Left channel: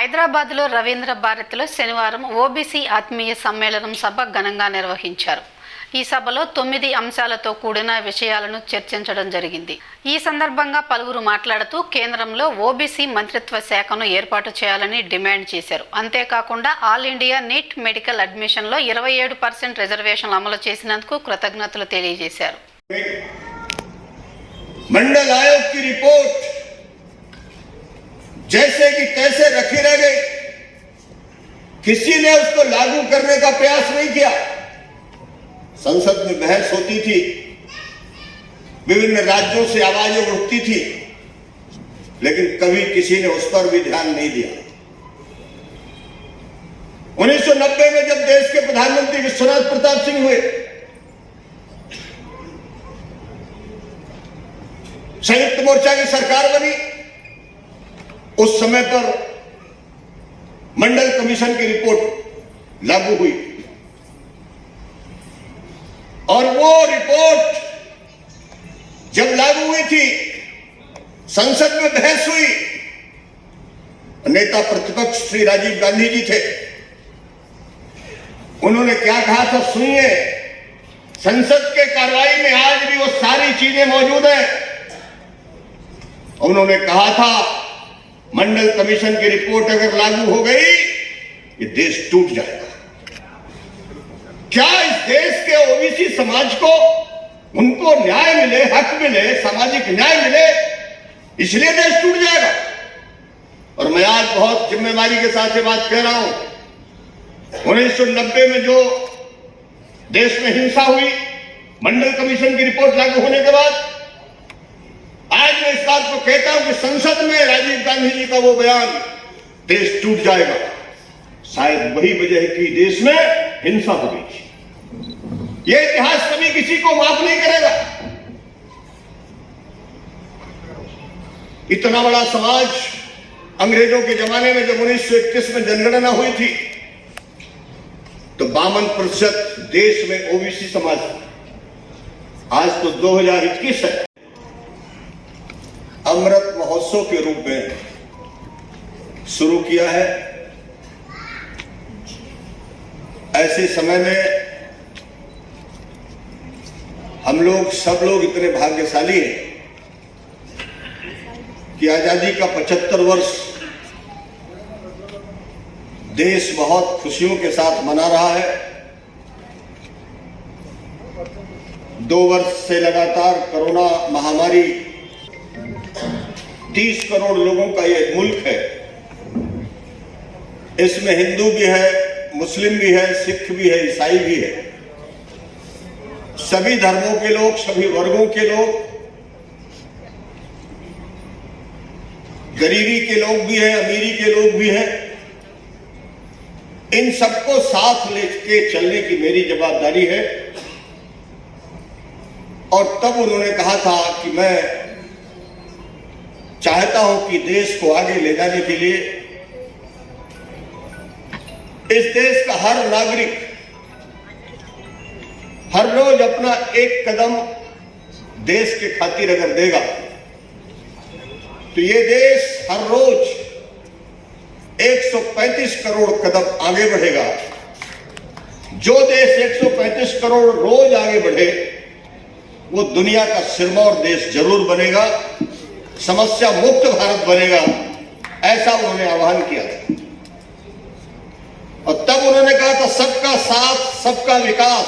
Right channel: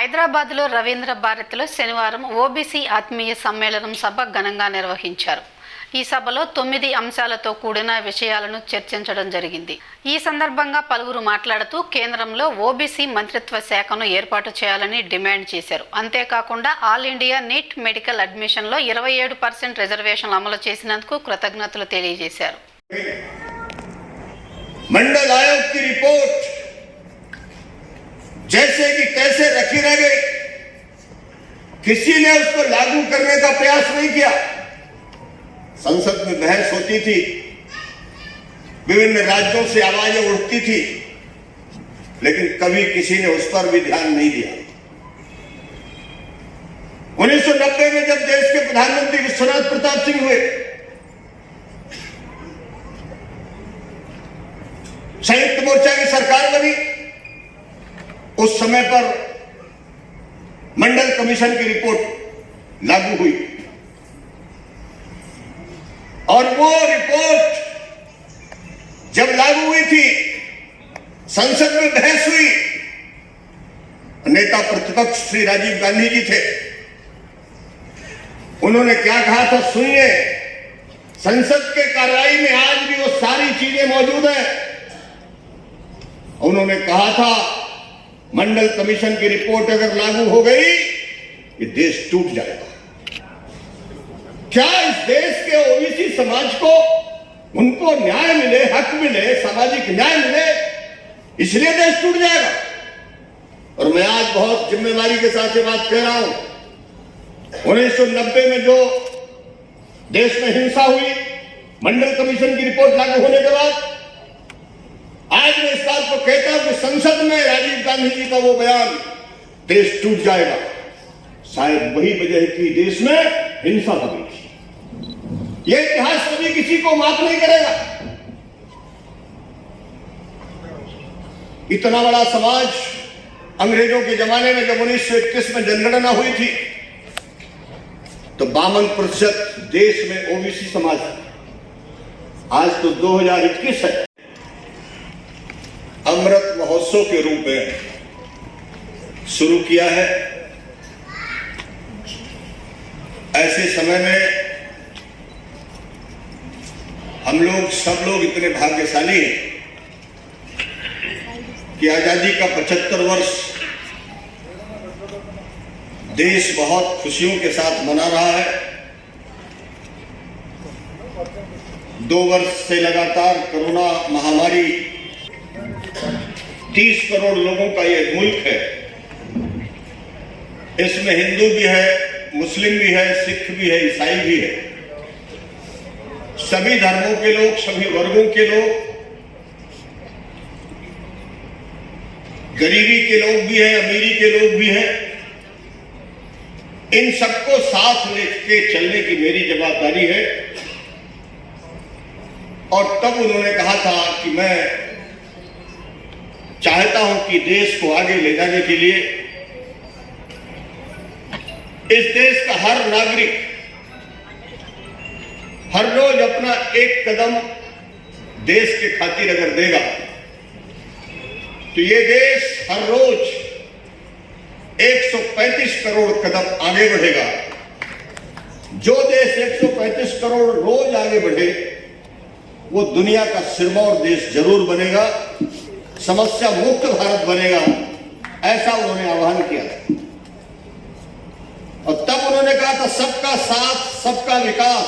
హైదరాబాద్లో రవీంద్ర భారతిలో శనివారం ఓబీసీ ఆత్మీయ సమ్మేళనం సభ ఘనంగా నిర్వహించారు. ఈ సభలో 9 అంశాలతో కూడిన విషయాలను చర్చించడం జరిగింది. ఈ సందర్భంగా పలువురు మాట్లాడుతూ కేంద్రంలో ఓబీసీ మంత్రిత్వ శాఖను ఏర్పాటు చేయాలని డిమాండ్ చేశారు. అంతేకాకుండా ఆల్ ఇండియా నీట్ మెడికల్ అడ్మిషన్లో 27% రిజర్వేషన్లు అమలు చేసినందుకు కృతజ్ఞతలు తెలియజేశారు. मंडल आयोग की रिपोर्ट जैसे कि तैसे रखी रह गई, किसी ने उसको लागू करने का प्रयास नहीं किया। संसद में बहस होती थी, विभिन्न राज्यों से आवाजें उठती थी, लेकिन कभी किसी ने उस पर भी ध्यान नहीं दिया। 1990 में जब देश के प्रधानमंत्री विश्वनाथ प्रताप सिंह हुए, संयुक्त मोर्चा की सरकार बनी, उस समय पर मंडल कमीशन की रिपोर्ट लागू हुई और वो रिपोर्ट जब लागू हुई थी, संसद में बहस हुई। नेता प्रतिपक्ष श्री राजीव गांधी जी थे, उन्होंने क्या कहा था सुनिए। संसद के कार्रवाई में आज भी वो सारी चीजें मौजूद हैं। उन्होंने कहा था मंडल कमीशन की रिपोर्ट अगर लागू हो गई, ये देश टूट जाएगा। क्या इस देश के ओबीसी समाज को उनको न्याय मिले, हक मिले, सामाजिक न्याय मिले, इसलिए देश टूट जाएगा? और मैं आज बहुत जिम्मेदारी के साथ ये बात कह रहा हूं। 1990 में जो देश में हिंसा हुई, मंडल कमीशन की रिपोर्ट लागू होने के बाद आज मैं इस बात को कहता हूं कि संसद में राजीव गांधी जी का वो बयान, देश टूट जाएगा, शायद वही वजह है कि देश में हिंसा हो गई थी। ये इतिहास कभी किसी को माफ नहीं करेगा। इतना बड़ा समाज अंग्रेजों के जमाने में जब 1931 में जनगणना हुई थी तो 52% देश में ओबीसी समाज था। आज तो 2021 है। अमृत महोत्सव के रूप में शुरू किया है। ऐसे समय में हम लोग सब लोग इतने भाग्यशाली हैं कि आजादी का 75 वर्ष देश बहुत खुशियों के साथ मना रहा है। 2 वर्ष से लगातार कोरोना महामारी 30 करोड़ लोगों का ये मुल्क है। इसमें हिंदू भी है, मुस्लिम भी है, सिख भी है, ईसाई भी है। सभी धर्मों के लोग, सभी वर्गों के लोग, गरीबी के लोग भी हैं, अमीरी के लोग भी हैं। इन सबको साथ लेके चलने की मेरी जवाबदारी है। और तब उन्होंने कहा था कि मैं चाहता हूं कि देश को आगे ले जाने के लिए इस देश का हर नागरिक हर रोज अपना एक कदम देश के खातिर अगर देगा तो ये देश हर रोज 135 करोड़ कदम आगे बढ़ेगा। जो देश 135 करोड़ रोज आगे बढ़े वो दुनिया का सिरमौर देश जरूर बनेगा, समस्या मुक्त भारत बनेगा, ऐसा उन्होंने आह्वान किया था। और तब उन्होंने कहा था सबका साथ सबका विकास।